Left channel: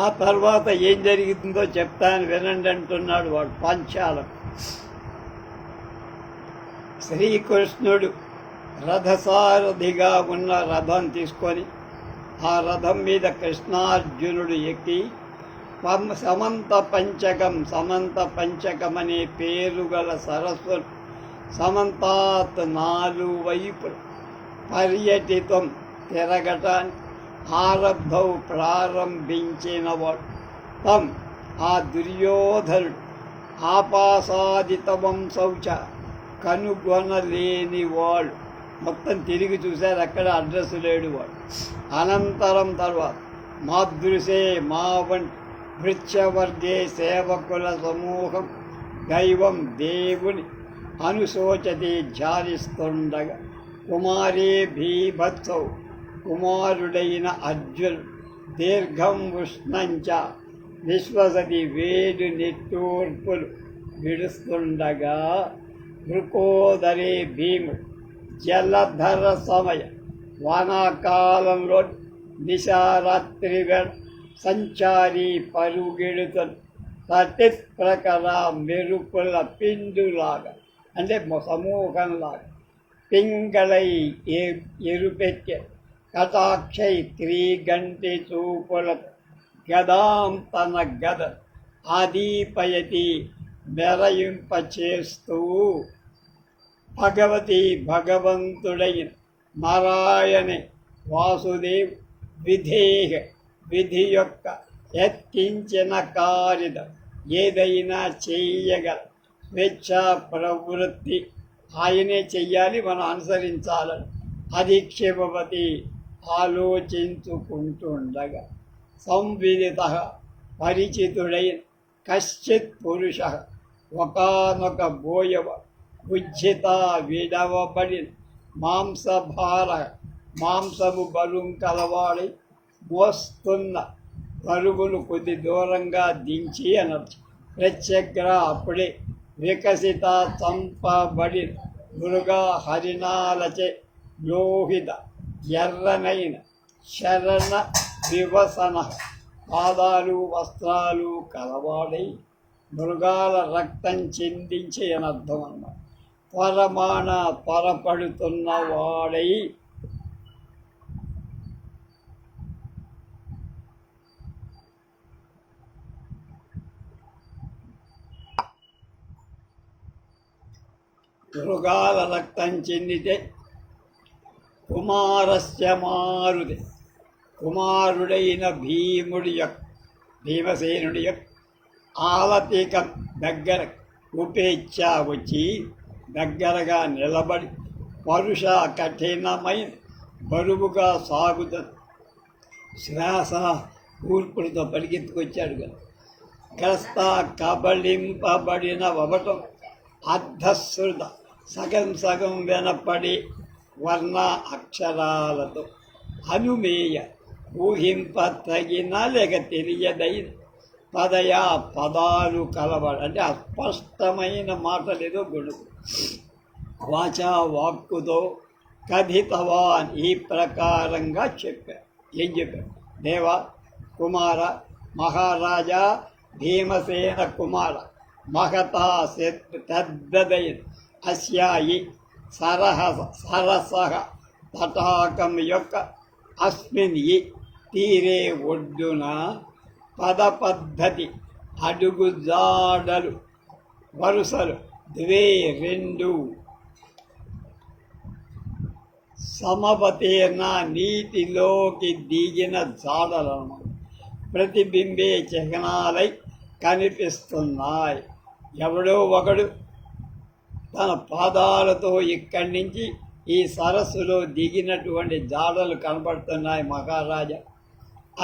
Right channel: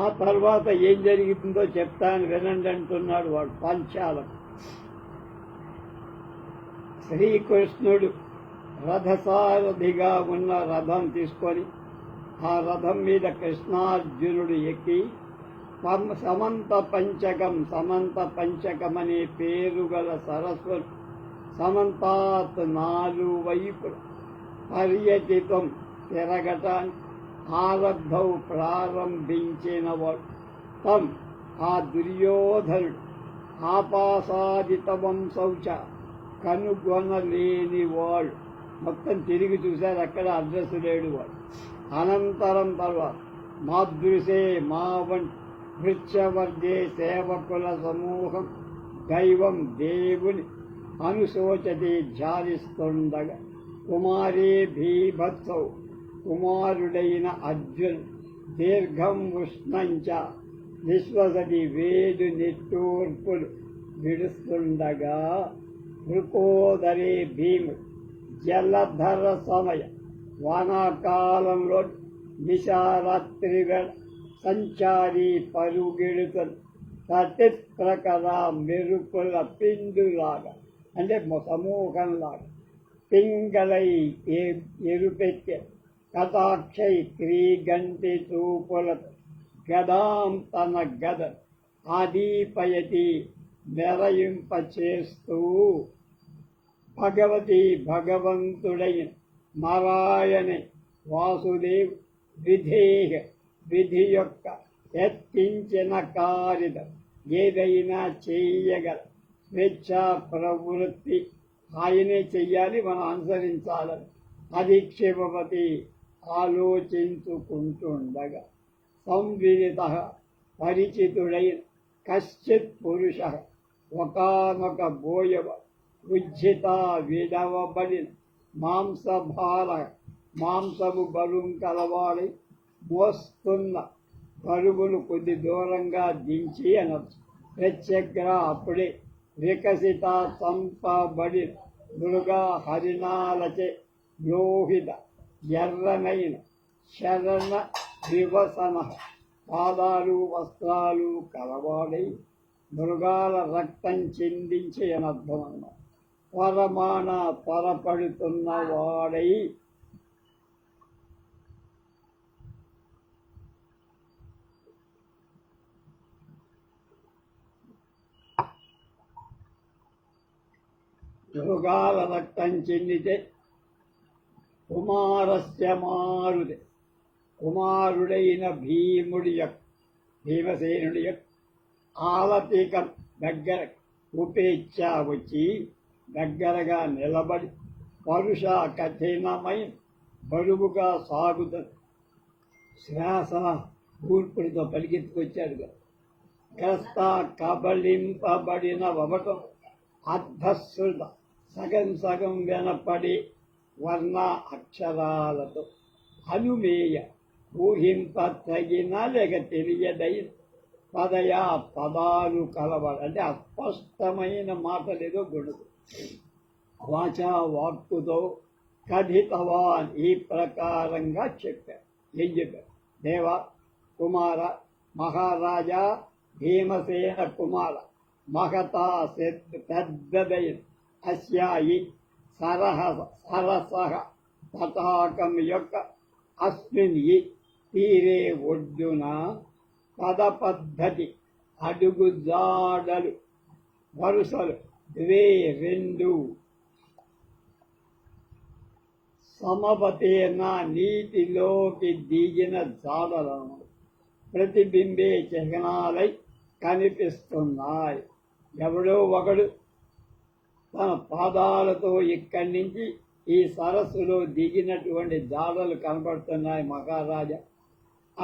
ఆ తర్వాత ఏం జరుగుతుందో చెప్తాను వినండి అంటున్నాడు వాడు పాంచాలం. శ్రీకృష్ణుడు రథసారథిగా ఉన్న రథం తీసుకొని ఆ రథం మీద కృష్ణార్జునుడు ఎక్కి సమంత పంచకం అనే పేరు గల సరస్సులు సమంతాత్ 4 వైపులు పర్యటితం తిరగటాన్ని ప్రారంభించినవాడు తం ఆ దుర్యోధనుడు ఆపాసాదితవం శౌచ కనుగొనలేనివాడు. మొత్తం తిరిగి చూశారు, అక్కడ అడ్రస్ లేడు వాడు. అనంతరం తర్వాత మాదృశే మా వంటి వృక్షవర్గే సేవకుల సమూహం దైవం దేవుని అనుశోచతి ధ్యానిస్తుండగా కుమారే భీభత్సౌ కుమారుడైన అర్జున్ దీర్ఘం ఉష్ణంచ విశ్వసతి వేడి నిట్టూర్పులు విడుస్తుండగా వృకోదరే భీముడు జలధర సమయ వానాకాలంలో నిశారాత్రి వేళ సంచారి పరుగెడుతను తటి ప్రకర మెరుపుల పిండులాగా అంటే సమూహంలాగా పింగళై ఎరుపెట్టె కటాక్షై త్రిగంటి చూపుల గదాం తన గద ఆదీపయతి మెరయింపచేస్తూ భగవంతుడైన నారాయణే వాసుదేవ్ విధి యొక్క ఎత్తించిన కార్యద ఏదైనా చెయ్యగల స్వేచ్ఛా ప్రవృత్తి ఆయనే చెయ్యాలి, మనం అనుసరించాలని అధిక్షేపవతి ఆలోచించుకుంటుండగా సంవిదిత పరిచితుడైన కశ్చిత్ పురుష ఒకానొక బోయవ ఉజ్జిత విడవబడిన మాంసము బరువు కలవాడి మోస్తున్న పరుగును కొద్ది దూరంగా దించి అనొచ్చు. ప్రత్యగ్ర అప్పుడే వికసిత చంపబడిన మృగా హరిణాలచే లోహిత ఎర్రనైన శరణ వివసన పాదాలు వస్త్రాలు కలవాడై మృగాల రక్తం చిందించి అనర్థం అన్నమాట. త్వరపడుతున్న వాడై మృగాల రక్తం చెందితే కుమారస్య మారుదే కుమారుడైన భీమసేనుడి యొక్క ఆలతీకం దగ్గర ఉపేచ్ఛ వచ్చి దగ్గరగా నిలబడి పరుష కఠినమైన బరువుగా సాగుతుంది. శ్వాస కూర్పులతో పరిగెత్తుకొచ్చాడు కదా. గ్రస్త కబళింపబడిన వవటం అర్ధశ్రుత సగం వినపడి వర్ణ అక్షరాలతో అనుమేయ ఊహింప తగిన లేక తెలియదైన పదాలు కలవాడు అంటే అస్పష్టమైన మాటలేదో గొడుగు వాచా వాక్కుతో కథితవాన్ ఈ ప్రకారంగా చెప్పారు. ఏం చెప్పారు? దేవ కుమార మహారాజా భీమసేన కుమార మహతా తద్దదైన అస్యాయి సరస తటాకం యొక్క అస్మిన్ ఈ తీరే ఒడ్డున పద్ధతి అడుగు జాడలు వరుసలు 2 సమవతీర్ణ నీటిలోకి దిగిన జాడలను ప్రతిబింబే చిహ్నాలై కనిపిస్తున్నాయి. ఎవడో ఒకడు తన పాదాలతో ఇక్కడి నుంచి ఈ సరస్సులో దిగినటువంటి జాడలు కనబడుతున్నాయి మహారాజా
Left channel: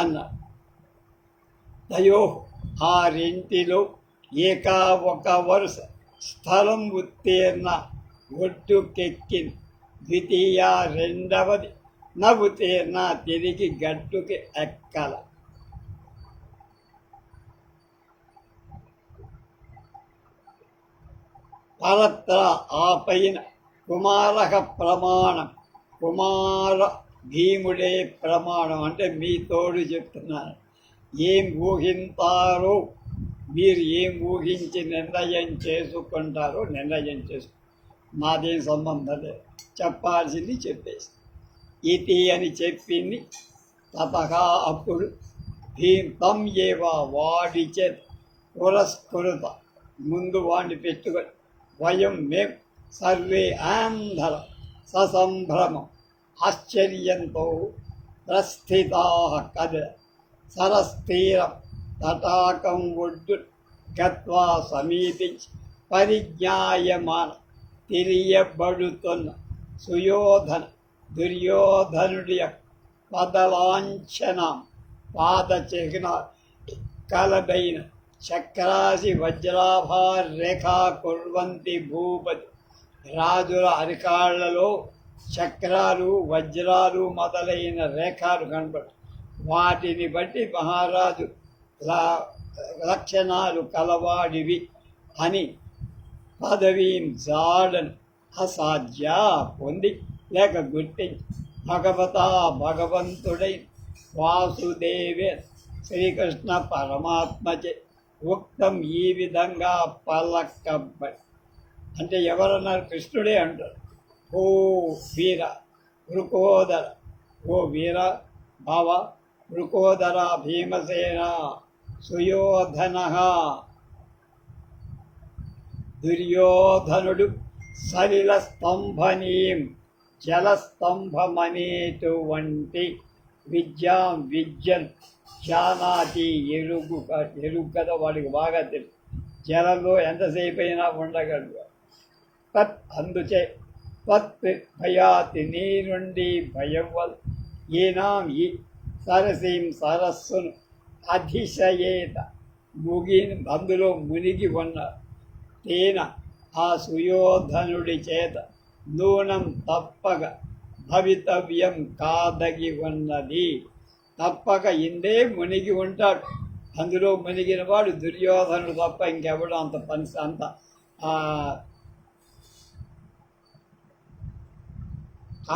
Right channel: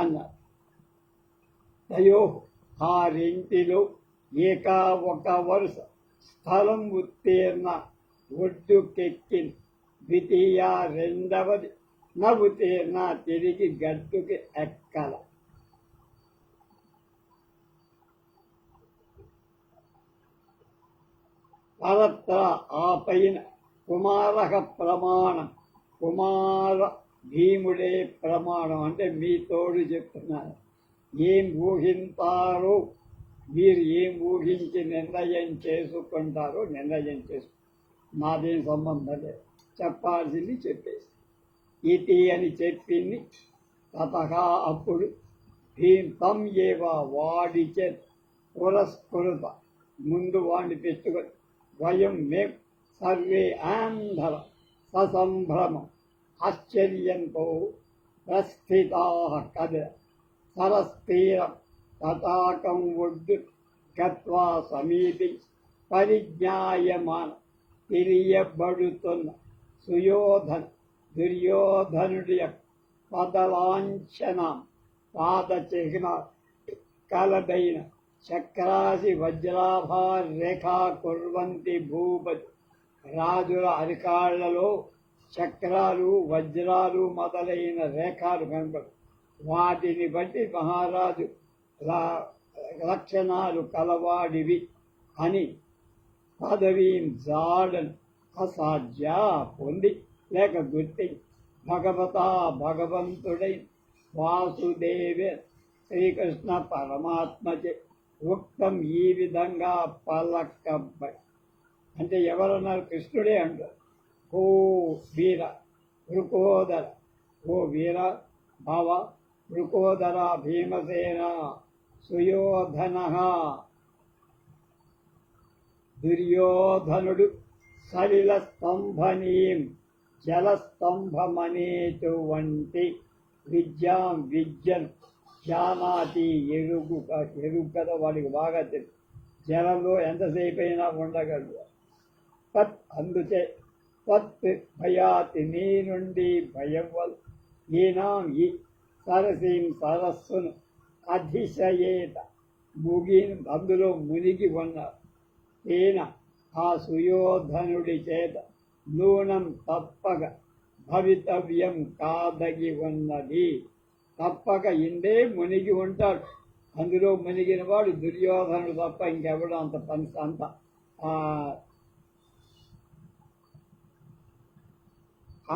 అన్నాడు. తయో ఆ రెంటిలో ఒక వరుస స్థలం ఉత్తీర్ణ ఒడ్డుకెక్కిన ద్వితీయ రెండవది ఉత్తీర్ణ తిరిగి గట్టుకి ఎక్కల. పరత్ర ఆ పైన కుమారక ప్రమాణం కుమార భీముడే ప్రమాణం అంటే మీ తోడు చెప్తున్నాను. ఏం ఊహింతారో మీరు ఏం ఊహించి నిర్ణయం చేసుకుంటారో నిర్ణయం చేసుకు నాదేం సంబంధం లేదు, చెప్పాల్సింది చెప్పేసి ఇది అని చెప్పింది. తతగా అప్పుడు తం ఏవా వాడి చేత పురస్కృత ముందు వాడిని పెట్టుకొని వయం మేం సర్వే ఆంధర ససంభ్రమం ఆశ్చర్యంతో ప్రస్థితా కద సరస్తీరం తటాకం ఒడ్డు గత్వా సమీపించి పరిజ్ఞాయమాన తెలియబడుతున్న సుయోధన దుర్యోధనుడి యొక్క పదలాంఛనం పాదచిహ్న కలదైన చక్రాసి వజ్రాభార రేఖా కుర్వంతి భూపతి. రాజుల అరికాళ్లలో చక్రాలు వజ్రాలు మొదలైన రేఖలు కనపడు. వాటిని బట్టి మహారాజు లక్షణాలు కలవాడివి అని పదవీం జాడను అసాధ్య పొంది లేక గుర్తించి భగవంతుడై వాసుదేవే శ్రీకృష్ణ పరమాత్మచే ఉక్తం ఈ విధంగా పలకబడి. అంటే ఎవరన్నారు? కృష్ణుడే అంటారు. ఓ వీర వృకోదర, ఓ వీర భావ వృకోదర భీమసేన సుయోధన. దుర్యోధనుడు సలిల స్తంభనీం జలస్తంభమనేటువంటి విద్యను జానాతి ఎరుగు కదా, వాడికి బాగా తెలుసు. జలంలో ఎంతసేపు అయినా ఉండగలడు. తత్ అందుచే తత్ భయాతి నీ నుండి భయం వల్ల ఈనాం ఈ సరసీం సరస్సును అధిశయేత అందులో మునిగి ఉన్నారు. తేన ఆ సుయోధనుడి చేత నూనం తప్పక భవితవ్యం కాదగి ఉన్నది. తప్పక ఇందే మునిగి ఉంటాడు. అందులో మునిగిన వాడు దుర్యోధనుడు తప్ప ఇంకెవడు అంత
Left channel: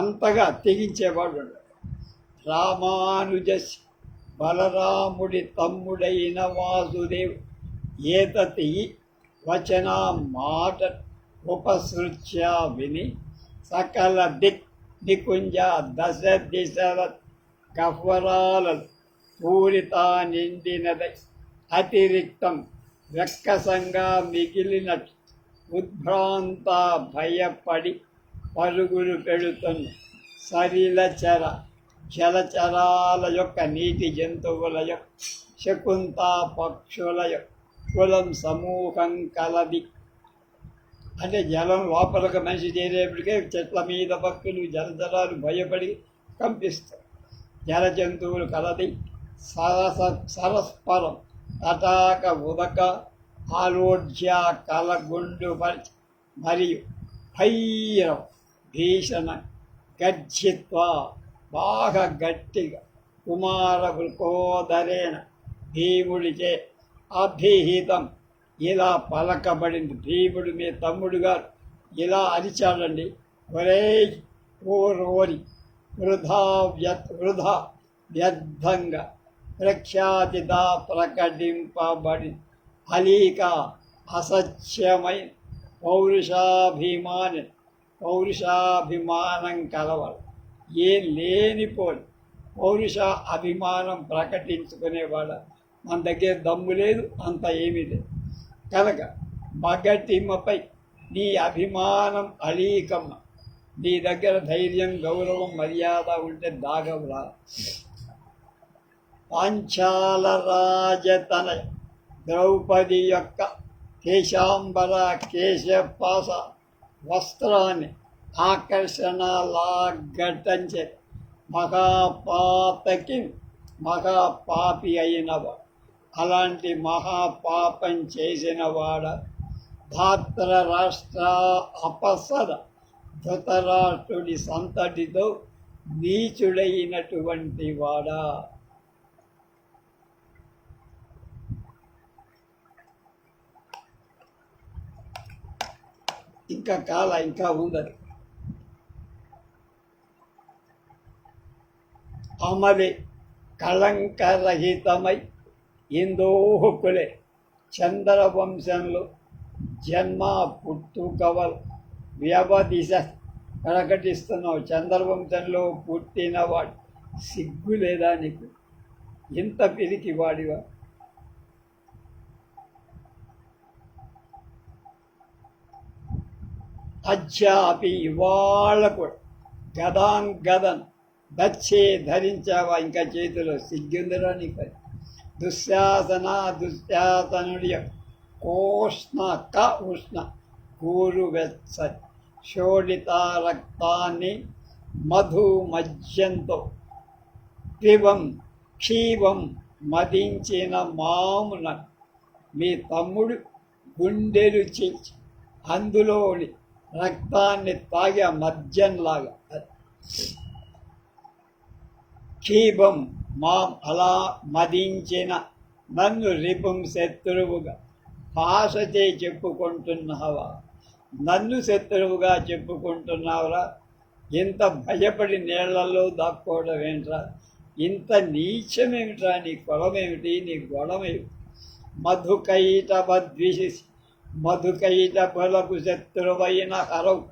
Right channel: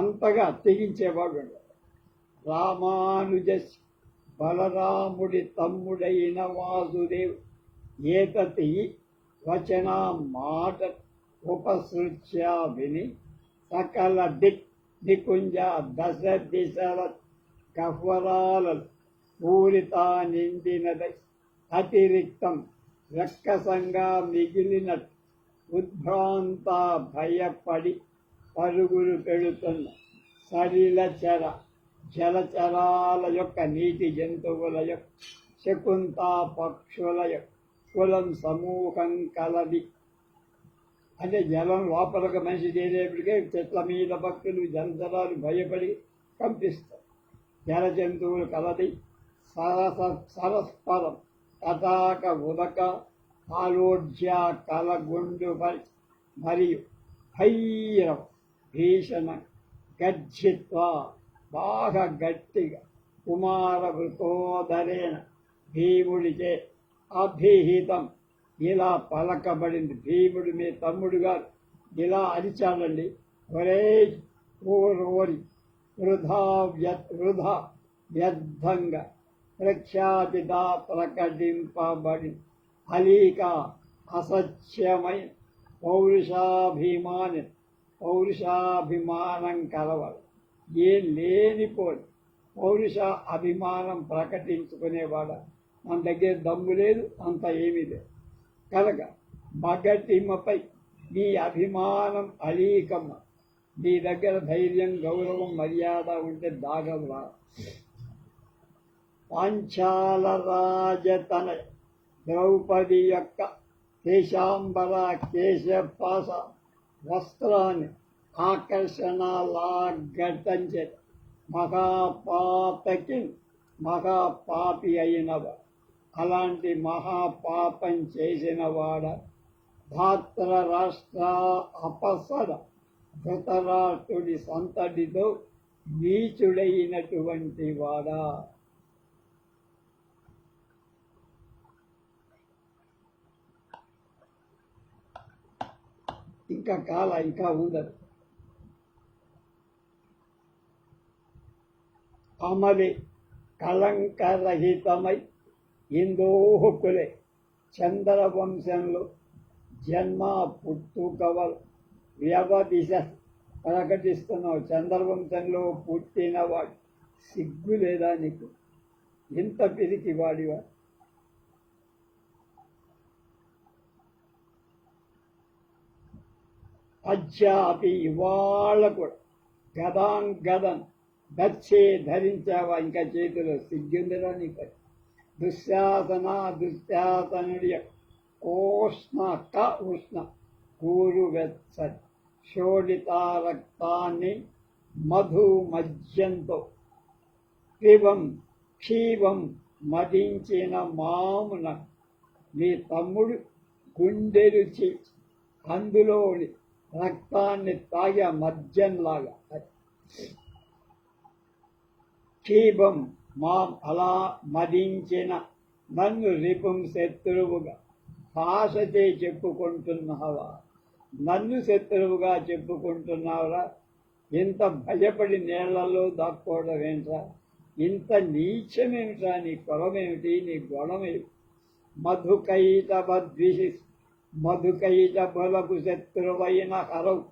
అంతగా తెగించేవాడు ఉండడు. రామానుజస్ బలరాముడి తమ్ముడైన వాసుదేవు ఏతతి వచన మాట ఉపసృత్య విని సకల నికుంజ దశ దిశల గహ్వరాలను పూరిత నిండినదై అతిరిక్తం వెక్కసంగా మిగిలినట్టు ఉద్భ్రాంత భయపడి పరుగులు పెడుతున్న సలిలచర జలచరాల యొక్క నీటి జంతువుల యొక్క శకుంత పక్షుల యొక్క కులం సమూహం కలది. అంటే జలం లోపలికి మనిషి చేరేప్పటికే చెట్ల మీద పక్షులు జలచరాలు భయపడి కంపిస్తాయి. జల జంతువులు కలది సరస్పరం తటాక ఉదక ఆలోడ్య కలగుండు మరియు భైరవ భీషణ గర్జిత్వ బాగా గట్టిగా కుమార వృకోదరేణ భీముడిచే అభిహితం ఇలా పలకబడింది. భీముడు మీ తమ్ముడు గారు ఇలా అరిచాడండి, ఒరే ఓరి వృధా వ్యర్థంగా ప్రఖ్యాతిదా ప్రకటింపబడి అలీక అసత్యమైన పౌరుషాభిమానం కలవాడు. ఏం లేనిపోని పౌరుష అభిమానం ప్రకటించుకునేవాడ. మన దగ్గర దమ్ము లేదు, అంత ఏమీ లేదు. కనుక మగటిమ్మపై నీ అభిమానం అలీకమ్మ. నీ దగ్గర ధైర్యం గౌరవం మర్యాద ఉంటే దాగవులా. పాంచాల రాజతనయ ద్రౌపది యొక్క కేశాంబర కేశపాస వస్త్రాన్ని ఆకర్షణ లాగటంచే మహాపాపి అయినవాడు. అలాంటి మహాపాపం చేసినవాడ ధాత్ర రాష్ట్ర అపసద ధృతరాష్ట్రుడి సంతటితో నీచుడైనటువంటి వాడా. ఇంకా ఉందది. అమలి కళంకరహితమై ఇందోహకులే చంద్రవంశంలో జన్మ పుట్టుకవల్ వ్యవదిశ ప్రకటిస్తున్నావు. చంద్రవంశంలో పుట్టినవాడు సిగ్గు లేదా నీకు? ఇంత పిరికి వాడివా? అజ్జాపి ఇవాళ కూడా గదన్ దచ్చే ధరించావా? ఇంకా చేతిలో సిగ్గుందిరా నీకు? దుశ్శాసనుడి కోష్ణ ఉష్ణ కూరు వెచ్చని శోడిత రక్తాన్ని మధు మజ్యంతో క్షీవం మదించిన మామున మీ తమ్ముడు గుండెలు చీల్చి అందులోని రక్తాన్ని తాగి మద్యంలాగా క్షీభం మాం అలా మదించిన నన్ను రిపుం శత్రువుగా భాషచే చెప్పుకుంటున్నావా? నన్ను శత్రువుగా చెప్పుకుంటున్నావురా? ఇంత భయపడి నీళ్లలో దాక్కోవడం ఏంట్రా? ఇంత నీచమేమిట్రా? నీ కులమేమిటి? నీ గొడవేమిటి? మధుకైట బలకు శత్రువైన హరవు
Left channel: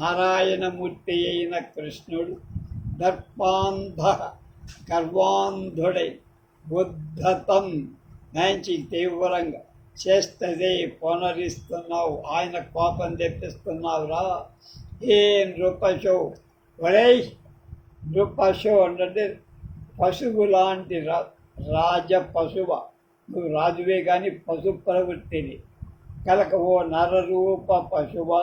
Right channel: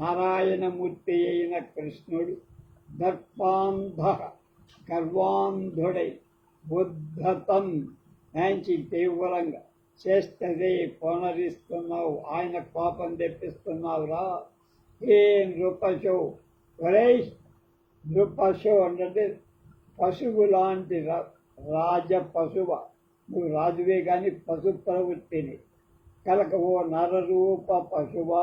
నారాయణమూర్తి అయిన కృష్ణుడు గర్వాంధుడై ఉద్ధతం మంచి తీవ్రంగా చేస్తదే పునరిస్తున్నావు. ఆయన కోపం తెప్పిస్తున్నావురా. ఏ నృపశో ఒరే నృపశో అంటే పశువు లాంటి రాజ పశువ. నువ్వు రాజువే కానీ పశు ప్రవృత్తిని కలక ఓ నరరూప పశువా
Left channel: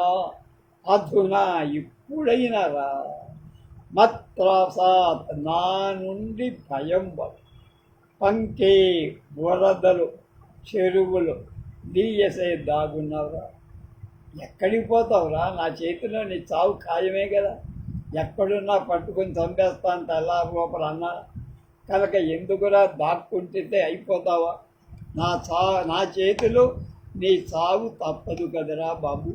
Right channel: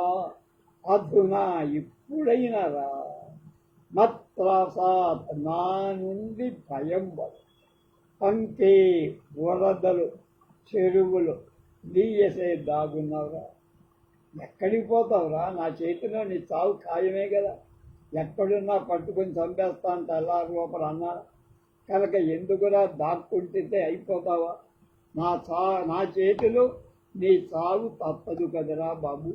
అధునా ఇప్పుడైనా రా మత్రాసాత్ నా నుండి భయం పంకే వరదలు చెరువులు నీయసే దాగున్నావురా. ఎక్కడికి పోతావురా? నా చేతిలో నీ చావు ఖాయమే కదా. ఎక్కడున్నా పట్టుకొని చంపేస్తాను తెల్లా లోపల అన్నా కనుక ఎందుకురా దాక్కుంటే అయిపోతావా? నా చేతిలో నీ చావు తప్పదు కదరా బాబు.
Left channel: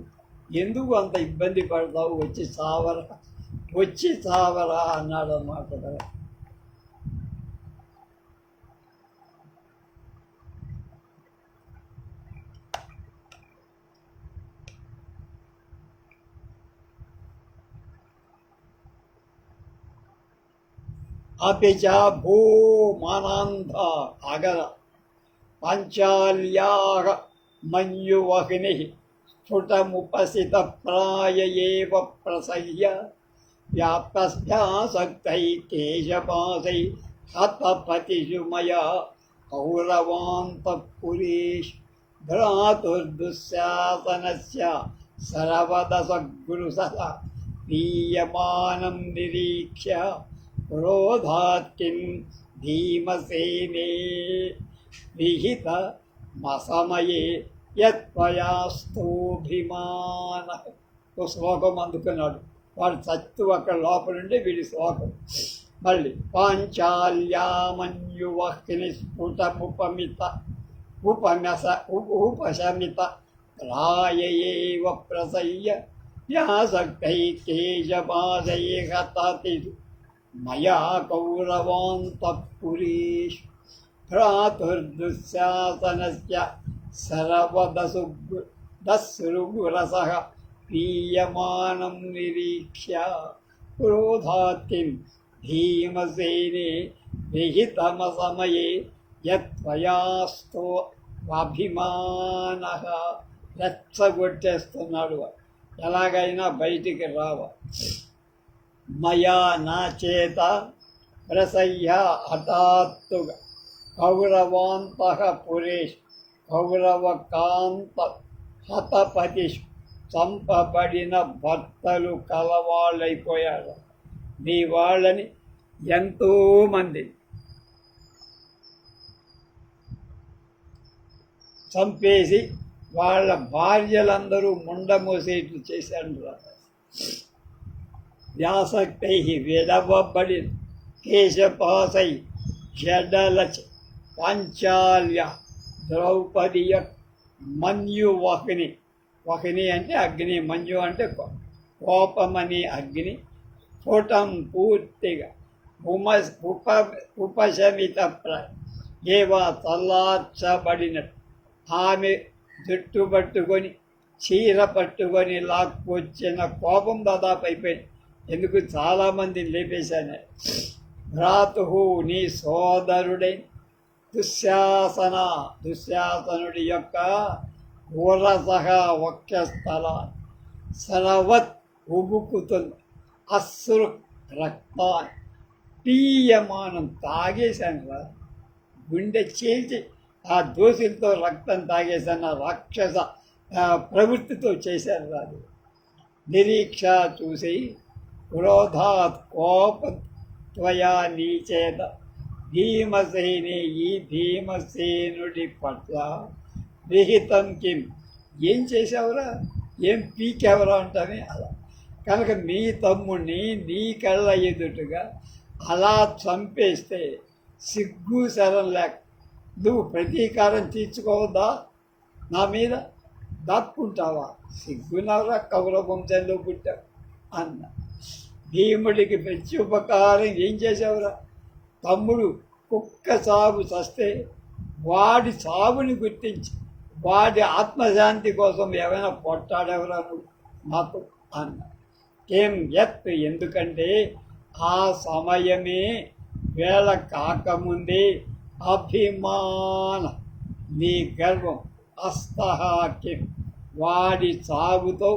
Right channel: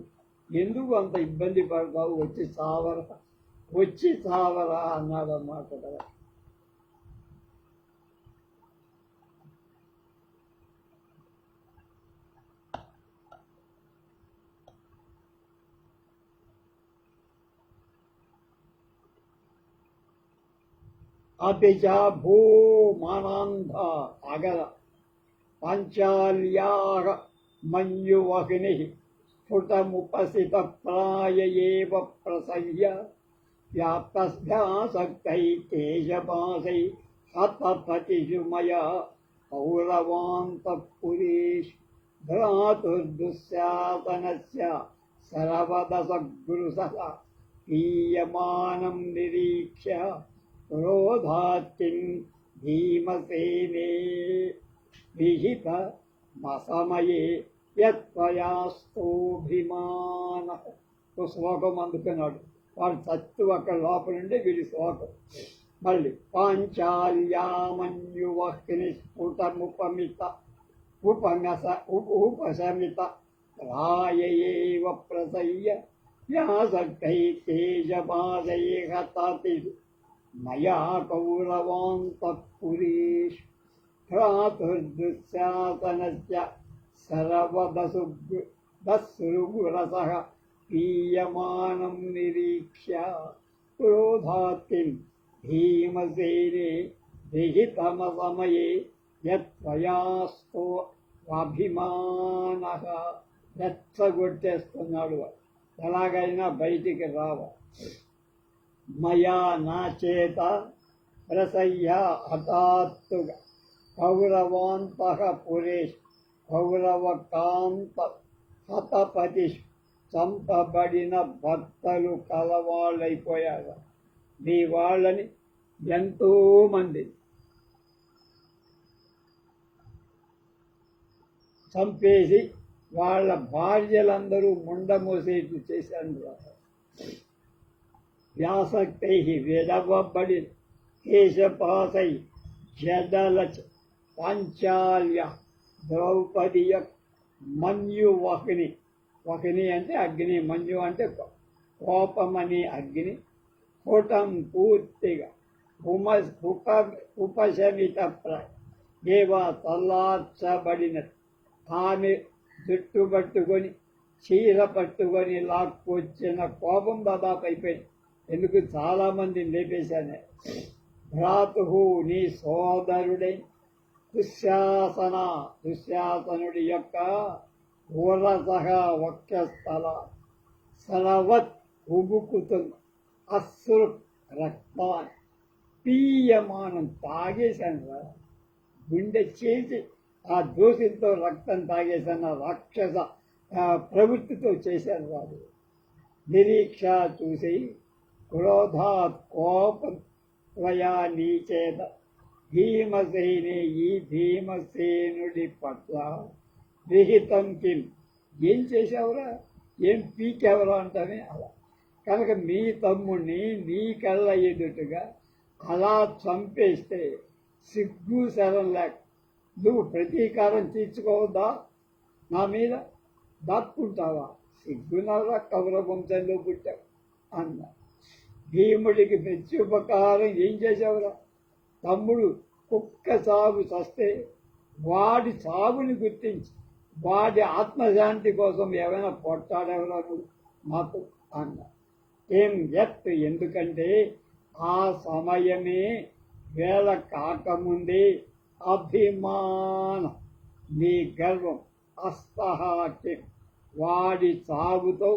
ఎందుకు అంత ఇబ్బంది పడతావు? వచ్చి చావరా అన్నాడు అన్నమాట కదా. అపిచ భూమానంద అగల పంచాల్యాగ మన్యువహిని స్ఫుటముపసిత ప్రాయేవ ప్రసహ్య వ్యాప్తస్యాసక్తై కేశపాసై హతపతిషు మయా కౌరవాంతఃపురీష్ భ్రాతుర్దుశ్శాసనస్య సర్వదసగురుసహ పీయమానం నిరీక్ష్య క్రోధాత్ కిం భీమసేనే విహిత మసమయే యత్వయాస్తోభిమాన. శ్లోకం అందుకున్నాడు వాడు. చత్తు అక్కడ లోపల నుండి వీడి శ్లోకం. మళ్ళీ పాంచాల్యామన్యువహ్ని స్ఫుటముపమిత ఉపశమిత రాయేవ ప్రసయ్య వ్యాసక్తై కేశపాశై హతతి మయా కౌరవాంతఃపురీష్ భ్రాతుర్దుశ్శాసనస్య సర్వదస్రుగురసః పీయమానం నిరీక్ష్య క్రోధాత్ కిం భీమసేనే విహితమసమయే యత్వయాస్తో అభిమానః. రెచ్చగొట్టేస్తున్నాడు. ఎలాగైనా బయటికి రావ. మయా నా చేత ప్రసయ్య హఠాత్తుగా కౌరవాంతః పురేష్ కౌరవకాంత హతపతిష్ చంపబడిన భర్తలు కలవాళ్ళైపోయారు. నీ వాళ్ళని ఎంతోమంది చంపేసి వాళ్ళ భార్యలందరూ ముండమోసేట్లు చేశాడు. వ్యాసక్తై విడవబడిన కేశపాసై జడలచ పాంచాల్య ద్రౌపదియ మన్యువహ్ని. వహ్ని అంటే అగ్ని, మన్యు అంటే కోపమని అగ్ని. స్ఫుటం పూర్తిగా ఉపశమిత ఏవా చల్లార్చబడినట్టు ఆమె జుట్టు పట్టుకొని చీర పట్టుకొని లాక్కొచ్చిన కోపం దాదాపు అయిపోయింది. ఎందుకు చాలామందిని లేపేశాను. భ్రాతు నీ సోదరుడైన దుశ్శాసనుడి యొక్క ఊరసహ వక్షస్థల సరవత్ ఉబుకుతుంది అశ్రు రక్తా పీయమానం తాగేశాను రా, గుండె చేసి ఆ దోషులతో రక్తం తాగేశాను, రాక్షస ప్రవృత్తితో చేశాను రాదు. నిరీక్ష చూసి క్రోధాత్ కోపం త్వయా నీచేత భీమసేని ఈ భీమసేనుడి పట్ల విహితం కిం ఏం చేసావురా, ఏం పీకెవరా అంటామే అలా. కనుక మీ తమ్ముడిని నీ కళ్ళ ఎదుటగా అలా చంపేస్తే సిగ్గు శరం లేక నువ్వు ప్రతీకారం తీర్చుకోవద్దా, నా మీద దాక్కుంటావా, సిగ్గునవరా, కౌరవ వంశంలో పుట్టావు అన్న. భీముడికి ప్రత్యుపకారం ఏం చేసావురా, తమ్ముడు కుక్క సాగు చస్తే వాడి సాగుని గుర్తించి వాడి ఆత్మశాంతి కోసం ఏమైనా పొట్టాడెవరా నువ్వు నాకు అన్న. ఏం ఎత్ ఎందుకంటే ఆ సమయమే వేళ కాకముందే అభిమాన నీ గర్వం అస్తహాకి వాడి సాగుతో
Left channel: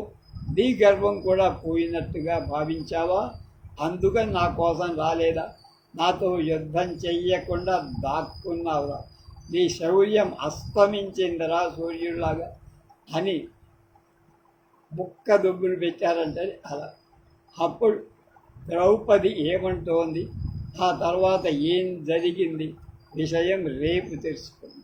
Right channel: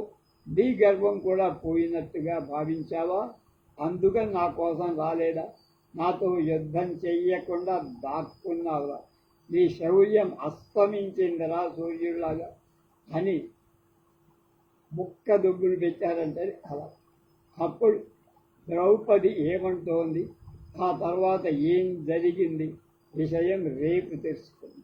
నీ గర్వం కూడా పోయినట్టుగా భావించావా, అందుకని నా కోసం రాలేదా, నాతో యుద్ధం చెయ్యకుండా దాక్కున్నావురా, నీ శౌర్యం అస్తమించిందిరా సూర్యుడిలాగా అని ముక్క దుబ్బులు పెట్టారంటే అలా. అప్పుడు ద్రౌపది ఏమంటోంది, ఆ తర్వాత ఏం జరిగింది విషయం రేపు తెలుసుకుందాం.